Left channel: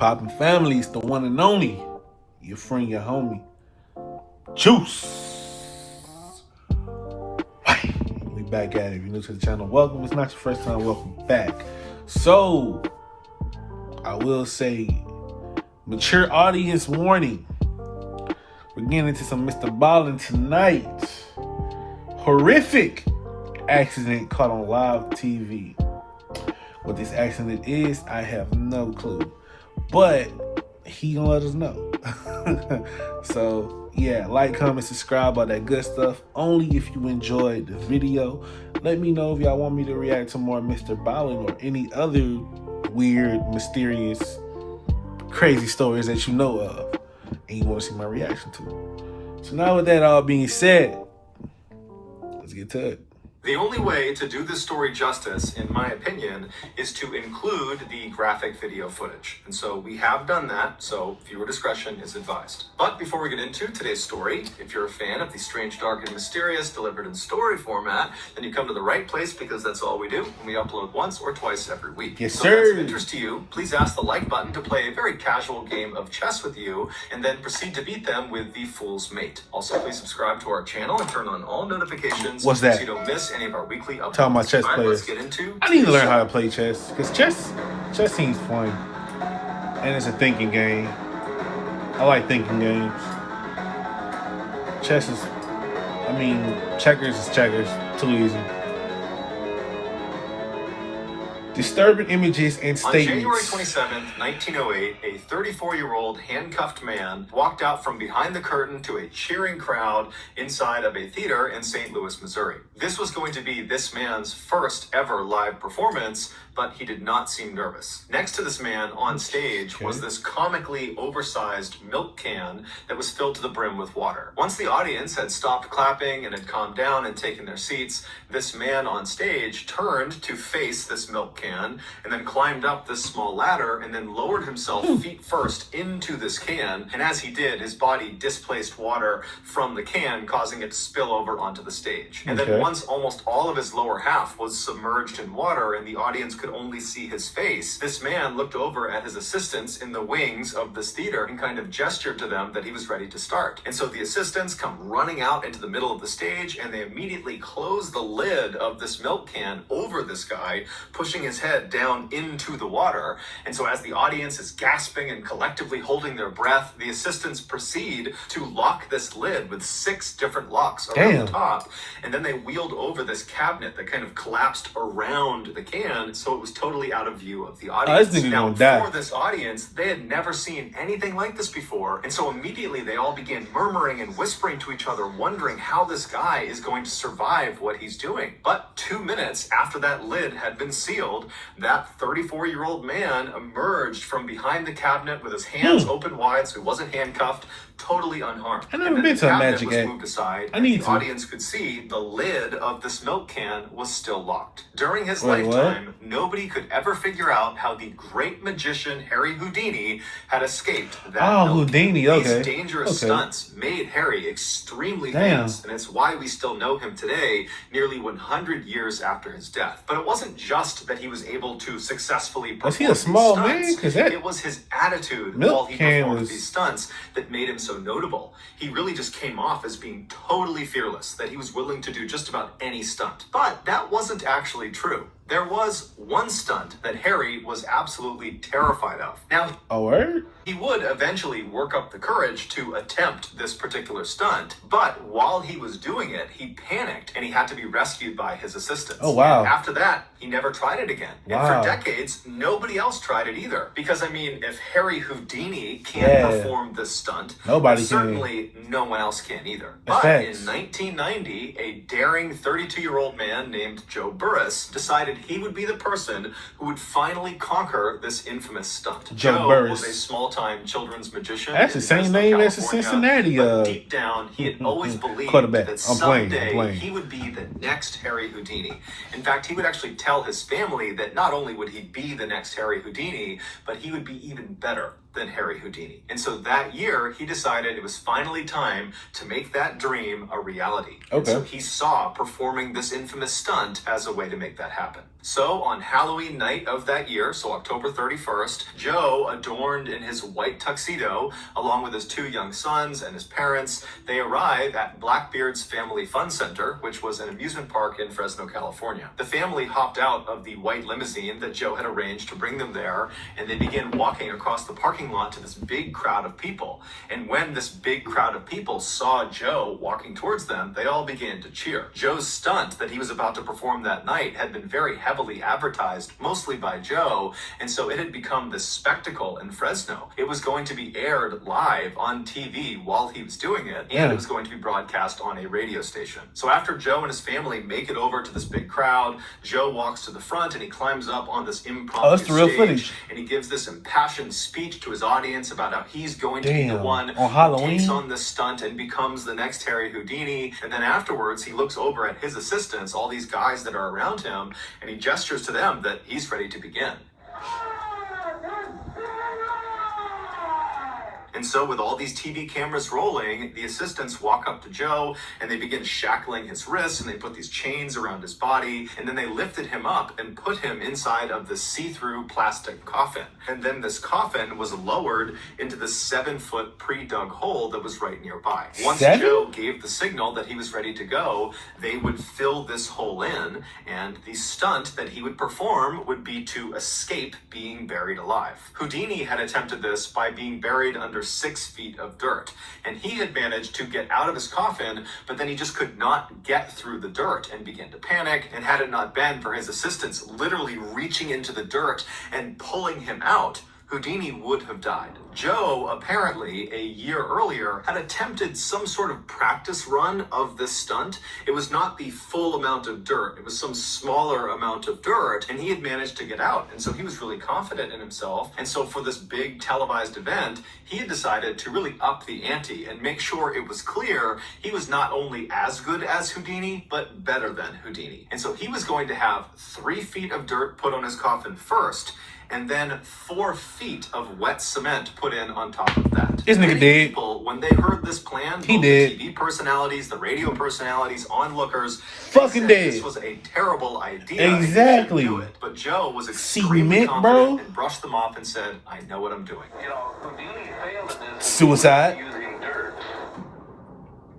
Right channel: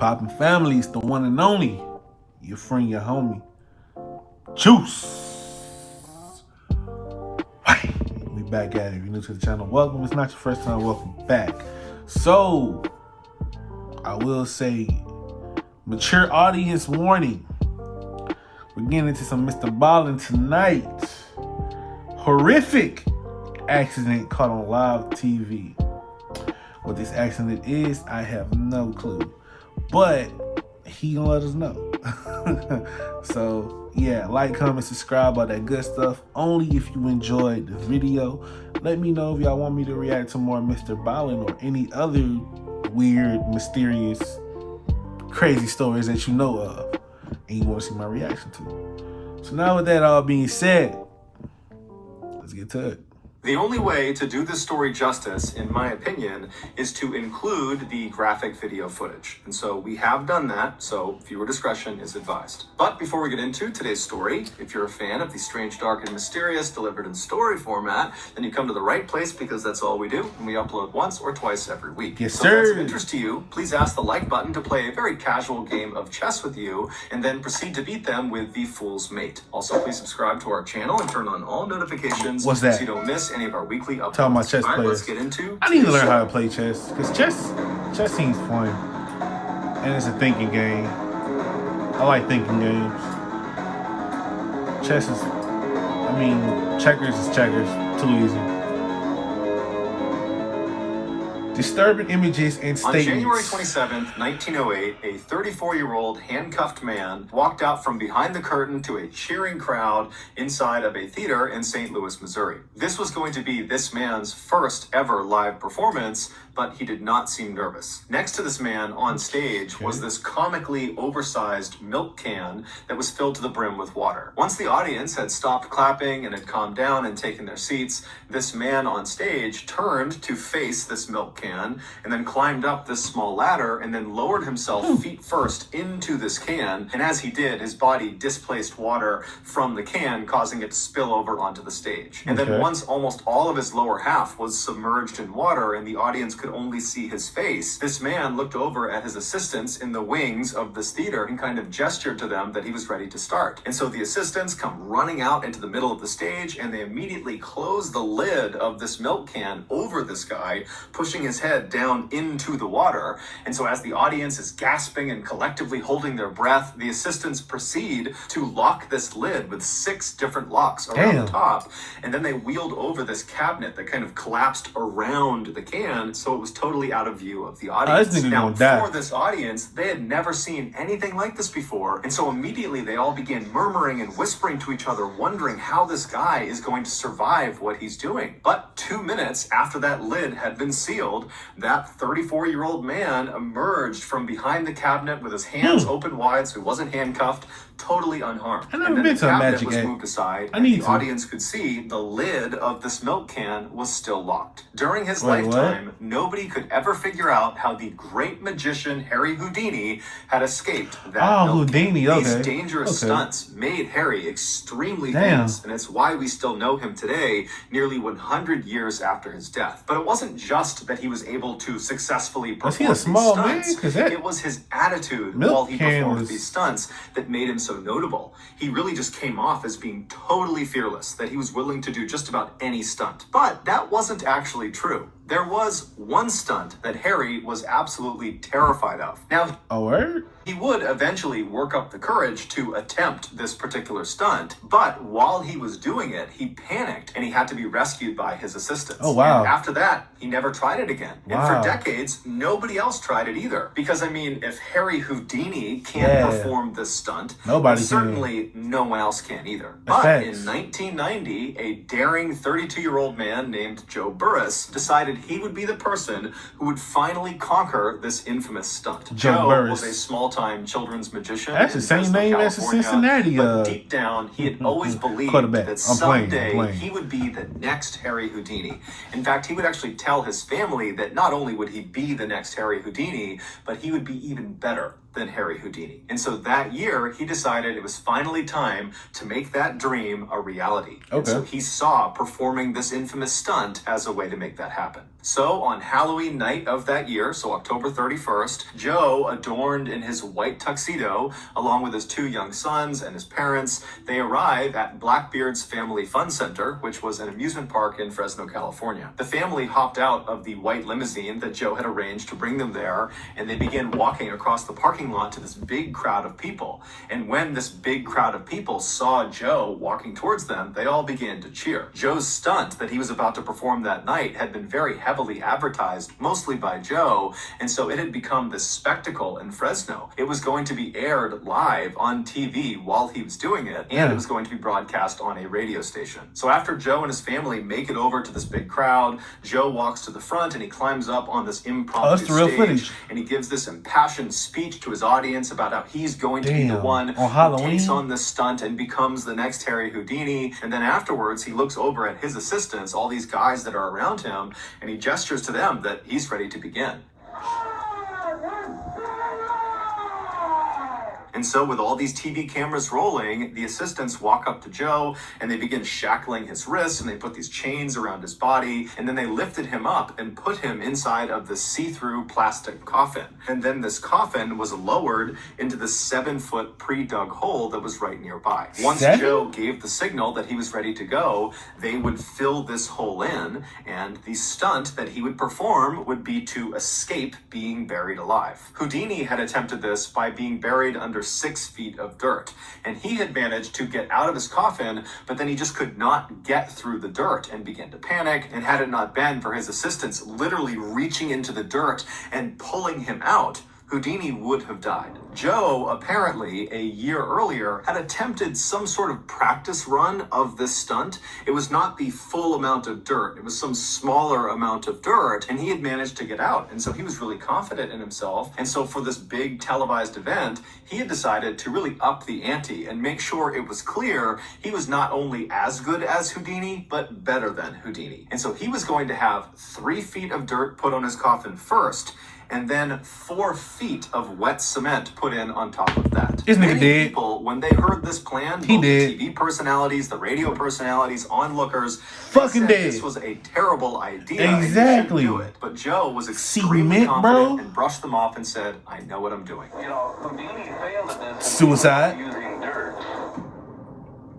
Poppin' families, the one and only. Your friend, your homie. Juice. We back at it. If you're new to the channel, welcome. It's not your first time, welcome back. So, I will say, mature audience warning. We're getting into some Mr.Ballen tonight. Horrific accident caught on live TV. What this accident is, I have no clue. But he gonna let us know. So yeah, like, comment, subscribe, all that good stuff. Only if you enjoyed the video. Let me know if y'all want me to react to more Mr.Ballen or any other weird, mysterious, crazy stories that you know of and you want to see my reaction to. So now with that all being said, let's get to it. The only way to do this story justice, in my opinion, is to include the graphic video footage. And so we have done that, so viewer discretion is advised. But before we get into today's story, if you're a fan of the strange, dark, and mysterious delivered in story format, then you come to the right place because that's all we do, and we upload once or twice every week. Yes, so sir. if that's of interest to you, please ask the like button to play a very casual game of chess with you, and then proceed to beat them with the Fool's Mate. Also, please subscribe to our channel and turn on all notifications What's that? so you don't miss any of our weekly updates. Talking about chess players. I need to learn how to play chess because chess seems fun and it's a thinking game. I like thinking games. Chess is, I mean, checkers is checkers. Too easy. Disturbing images and statements. On January 27th, 1908, a 34-year-old handcuffed man walked out from behind the curtain to a cheering crowd inside of a theater in St. Louis, Missouri. This was going to be this man's first ever live performance, but he did not seem nervous. Next to this man on stage was this comically oversized milk can that was filled to the brim with water. Once the audience had stopped clapping and had calmed down and taken their seats, this man on stage turned to face this milk can and then climbed up this small ladder and then lowered himself feet first into this can. And as he did, his body displaced water from the can, causing it to spill over onto the stage. And then once almost all of his lower half was submerged in water and the audience could only see his face, this man looked over at his assistants in the wings of this theater and kind of gestured to them that he was ready to start. And so the assistants come running out into the middle of the stage and they immediately close the lid of this milk can over this guy, pushing his head down into the water. And so as the audience is gasping and collectively holding their breath, the assistants proceed to lock this lid with 6 different locks around the top. And then they wheeled over this cabinet that kind of collapsed around the can, so it was totally out of view of the audience. Now, for this audience, they had never seen anything like this before. And so immediately they all began murmuring and whispering to each other, wondering how this guy is going to survive what he's doing. But 2 minutes after that lid had been sealed, that 34-year-old man emerged from behind the cabinet with his hands open wide, so he wasn't handcuffed, totally unharmed. I've never been to a magic was moved aside, the audience could see the lid of this milk can was still locked. During his lifetime, nobody could ever figure out how the great magician Harry Houdini had escaped that milk. Houdini, These dangerous stunts made Harry extremely famous, and it's why we still know him today, nearly 100 years after his death. But it wasn't just that he was able to successfully perform he a small man? It was his attitude while he performed these stunts that made him so notable. He really just came off as being totally fearless, that he was willing to do just about any stunt. But that wasn't actually true. There was one stunt that Harry was absolutely terrified of. Now, he would eventually work up the courage to attempt this particular stunt, but while he was doing it, he panicked and he had to be rescued by his assistants. And after that, he never tried it again. And for decades, nobody else tried it either. Because, I mean, if Harry Houdini can't perform this stunt, certainly no one else can either. But in 1990, a daring 32-year-old man named Joe Burris decided he would be the person who would finally conquer this infamous stunt. Joe was a small-time children's magician. That's the same name as the Cincinnati. But deep down, he had always believed that someday he would be the next Harry Houdini. In fact, he would actually tell his family that not only would he be the next Harry Houdini, but he would be even better. than Harry Houdini. And so that year, he decided it was finally time to make that dream a reality. And Okay. so he saw performing this infamous stunt as a way to make that happen. So on Halloween night of that year, so October 31st, Joe, adorned in his white tuxedo, along with his 2 young sons and his parents, they arrive at Blackbeard's Family Fun Center, which was an amusement park in Fresno, California. The family hopped out of the white limousine that Joe had arranged to bring them there, and they began walking across the parking lot to this big crowd of people. And when this big crowd of people saw Joe walking towards them, they all began to cheer. Joe's stunt that he was about to perform that night had been very heavily advertised, mostly by Joe, and so it had become this spectacle in Fresno. It was going to be aired live on TV while he was doing it, and it was going to be broadcast on a radio station. So after Joe and his family make it over to this big crowd, Joe walks to the front and he climbs up on this impromptu stage, and he gives this impassioned speech to his audience about how he's going to be the one who takes on this stunt and becomes the next Harry Houdini. And then afterwards, he looks over at his assistants, all these guys that are around him, and he gestures to them that he's ready to begin. And so with all these TV cameras rolling, the assistants walk up to Joe and they begin shackling his wrists, and they put these chains around his body, and then they lifted him up and put him inside of this see-through plastic coffin. And then this coffin was lowered into the 7-foot pre-dug hole that was right nearby. Once Joe gave the signal that he was ready to go, they would fill this hole in, and the stunt that he would perform would be to escape being buried alive. Houdini had attempted this by being buried under 6 feet of dirt, and he had managed to get out of his coffin, but then he just could not get through the dirt and began to panic. And had it not been for his assistants literally reaching into the dirt and pulling him out, Houdini would have died. Joe, apparently, a year earlier, had attempted some sort of practice run of this stunt. It was not the full amount of dirt. It was some smaller amount of dirt, and he had managed to get out. And so he was really confident in himself. And so for this big televised event, he had decided to really up the ante and make sure it was clear he was not only as good as Houdini, but better than Houdini. And so he was going to have 3 feet of dirt put on his coffin first, and then 4 feet of wet cement put in on top of that. This nigga dead. People, when they heard this plan, He both dead. the TV personalities, the radio personalities, onlookers, Fucking dead. This was a terrible idea. Exactly. Do it. But Joe was extremely confident and brushed them off and said, "I know what I'm doing." You know, Houdini failed at this. Suicide. Using dirt.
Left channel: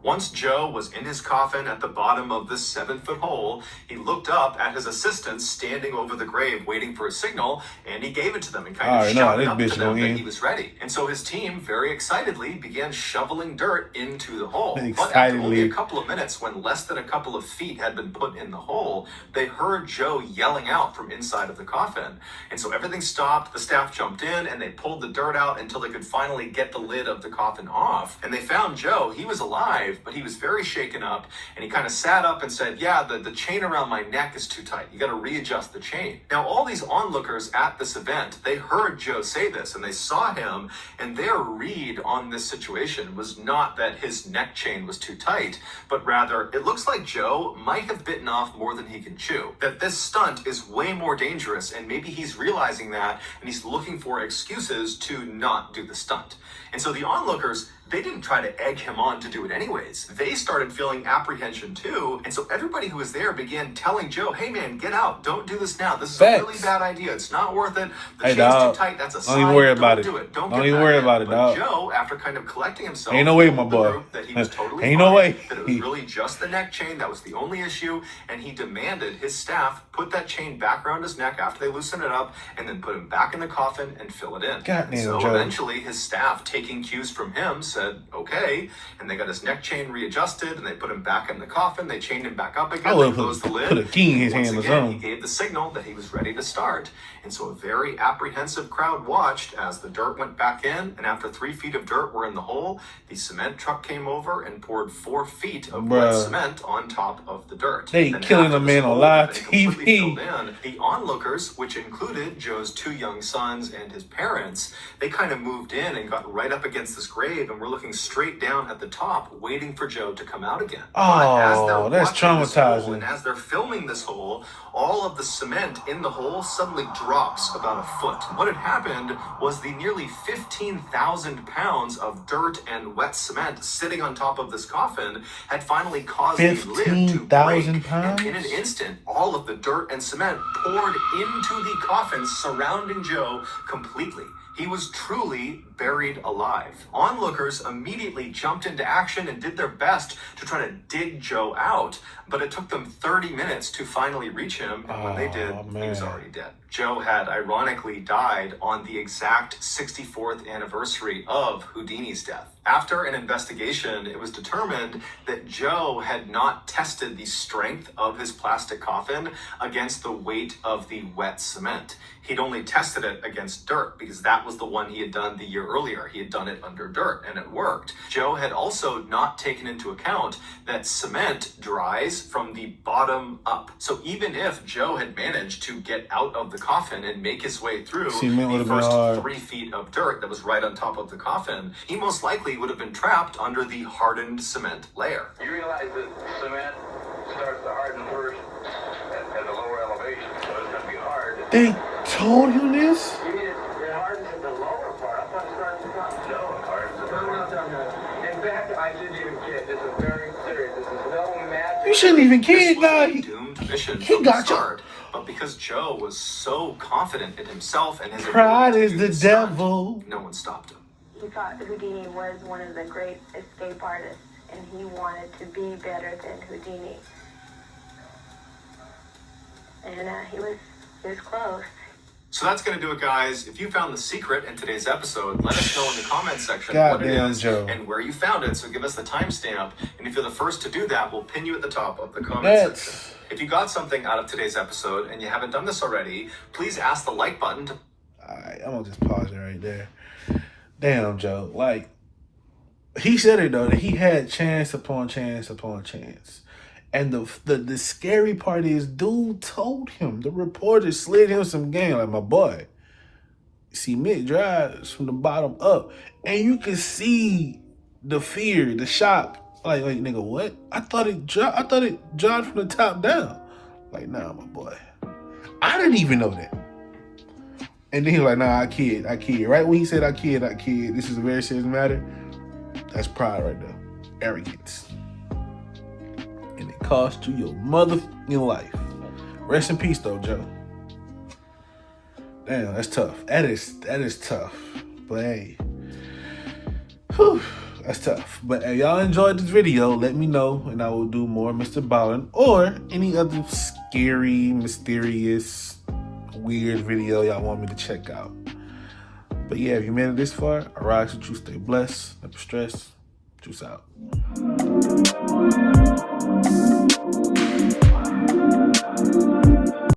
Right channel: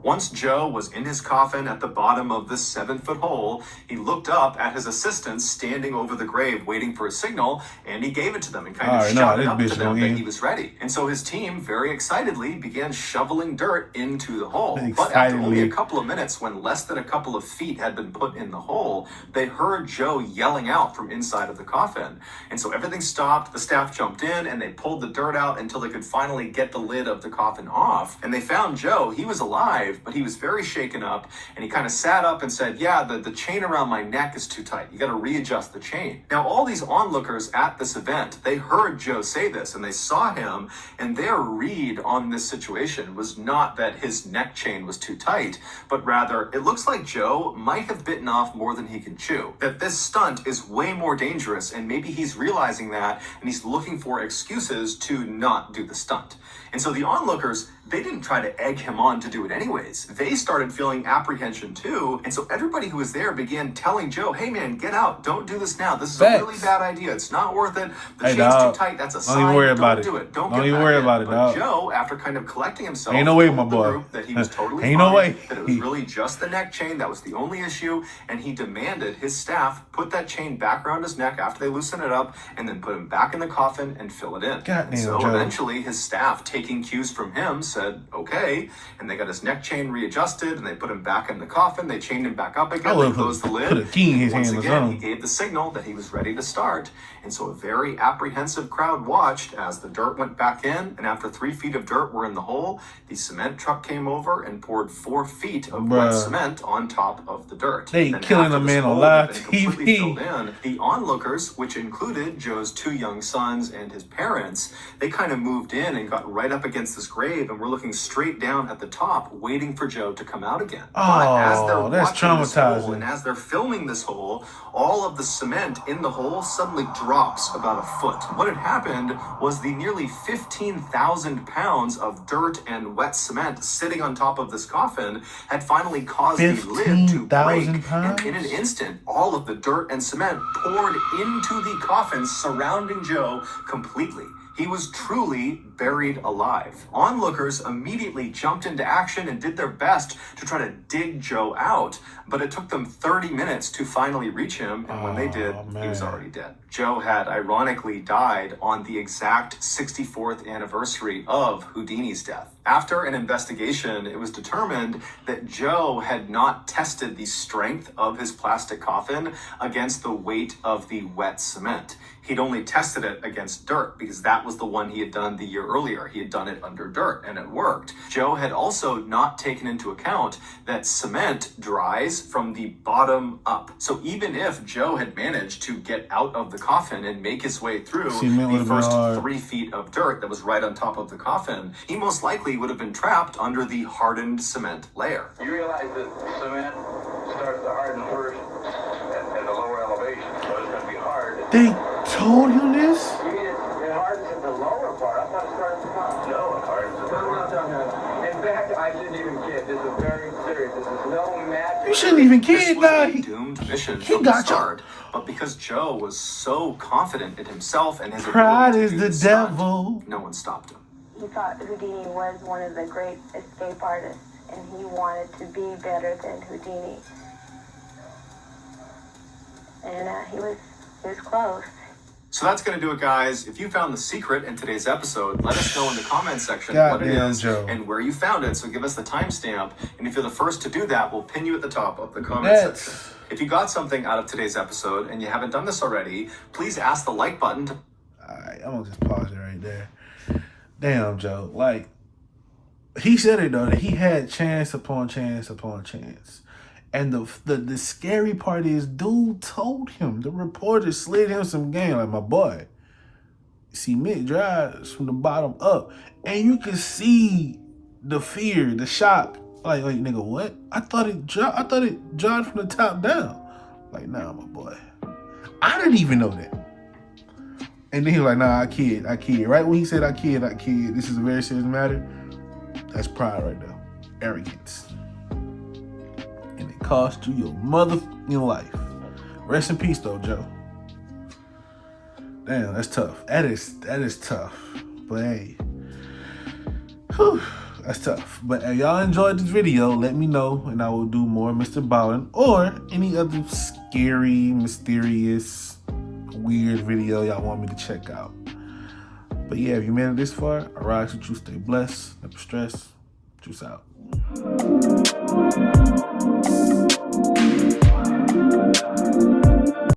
Once Joe was in his coffin at the bottom of this 7-foot hole, he looked up at his assistants standing over the grave waiting for a signal, and he gave it to them and kind of shouted up to them that he was ready. And so his team very excitedly began shoveling dirt into the hole. But after only a couple of minutes, when less than a couple of feet had been put in the hole, they heard Joe yelling out from inside of the coffin. And so everything stopped, the staff jumped in, and they pulled the dirt out until they could finally get the lid of the coffin off. And they found Joe. He was alive, but he was very shaken up, and he kind of sat up and said, "Yeah, the chain around my neck is too tight. You got to readjust the chain." Now, all these onlookers at this event, they heard Joe say this, and they saw him, and their read on this situation was not that his neck chain was too tight, but rather, it looks like Joe might have bitten off more than he can chew. That this stunt is way more dangerous, and maybe he's realizing that, and he's looking for excuses to not do the stunt. And so the onlookers, they didn't try to egg him on to do it anyways. They started feeling apprehension too. And so everybody who was there began telling Joe, "Hey man, get out. Don't do this now. This is a really bad idea. It's not worth it. The chain's too tight. That's a sign. Don't even worry about it. Do it. Don't even worry about it, dog." Joe, after kind of collecting himself, ain't no way, my boy. That he was totally ain't no way. That it was really just the neck chain. That was the only issue. And he demanded his staff put that chain back around his neck after they loosen it up, and then put him back in the coffin and fill it in. Goddamn, so Joe. eventually his staff, taking cues from him, said, "Okay." And they got his neck chain readjusted, and they put him back in the coffin. They chained him back up again. They closed the lid. Put a key in his Once hand or again, something. he gave the signal that he was ready to start. And so a very apprehensive crowd watched as the dirt went back in, and after 3 feet of dirt were in the hole, the cement truck came over and poured 4 feet of wet cement on top of the dirt. They killing a man on live TV. The onlookers, which included Joe's 2 young sons and his parents, they kind of moved in and got right up against this grave and were looking straight down at the top, waiting waiting for Joe to come out again. Oh, that's traumatizing. And as they're filming this hole, all of the cement in the hole suddenly drops about a foot. What had happened was the nearly 15,000 pounds of dirt and wet cement sitting on top of this coffin had finally caused the lid to break. 15,000 pounds? And in an instant, all of the dirt and cement poured into the coffin surrounding Joe completely. He was truly buried alive. Onlookers immediately jumped into action and did their best to try to dig Joe out, but it took them 30 minutes to finally reach him, and when they did, he was already dead. Joe had ironically died on the exact 64th anniversary of Houdini's death. After an investigation, it was determined that Joe had not tested the strength of his plastic coffin against the weight of the wet cement. He'd only tested it against dirt because that was the one he had done the year earlier. He had done it under dirt and it worked. Joe had also not taken into account that cement dries from the bottom up. So even if Joe had managed to get out of the coffin and make his way through the first 3 feet of dirt that was right on top of the coffin, he most likely would have been trapped under the hardened cement layer. You realize that cement starts to harden first at a lower elevation, so it's going to be hard. They told you this? It hardens at the lower part. I thought it started at the top. No, it hardens at the lower part. In fact, I shouldn't even kid. This is very serious. This is no magic. You shouldn't even kid, guy. Doomed mission He from got the start. But because Joe was so confident in himself and his Pride ability is to the do stunt, devil. no one stopped him. He thought Houdini was one of the great escape artists, and he wanted to be better than Houdini. And he was close. So that's going to do it, guys. If you found the secret in today's episode, let us know in the comments section God what it damn, is Joe. and where you found it. So give us the timestamp. And if you're the first to do that, we'll pin you at the top of the comment section. If you got something out of today's episode and you haven't done this already, please ask the like button to... Alright, I'm gonna just pause it right there. Damn, Joe. Like, he said it though, that he had chance upon chance upon chance. And the scary part is, dude told him. The reporter slid him some game. Like, my boy, cement dries from the bottom up. And you can see the fear, the shock. Like, nigga, what? I thought it dried from the top down. Like, nah, my boy. I didn't even know that. And then he was like, nah, I kid. Right when he said I kid, this is a very serious matter. That's pride right there. Arrogance. And it cost you your motherfucking life. Rest in peace, though, Joe. Damn, that's tough. That is tough. But hey, whew, that's tough. But if y'all enjoyed this video, let me know, and I will do more Mr. Ballen or any other scary, mysterious, weird video y'all want me to check out. But yeah, if you made it this far, I rise with you. Stay blessed, never stress. Juice out.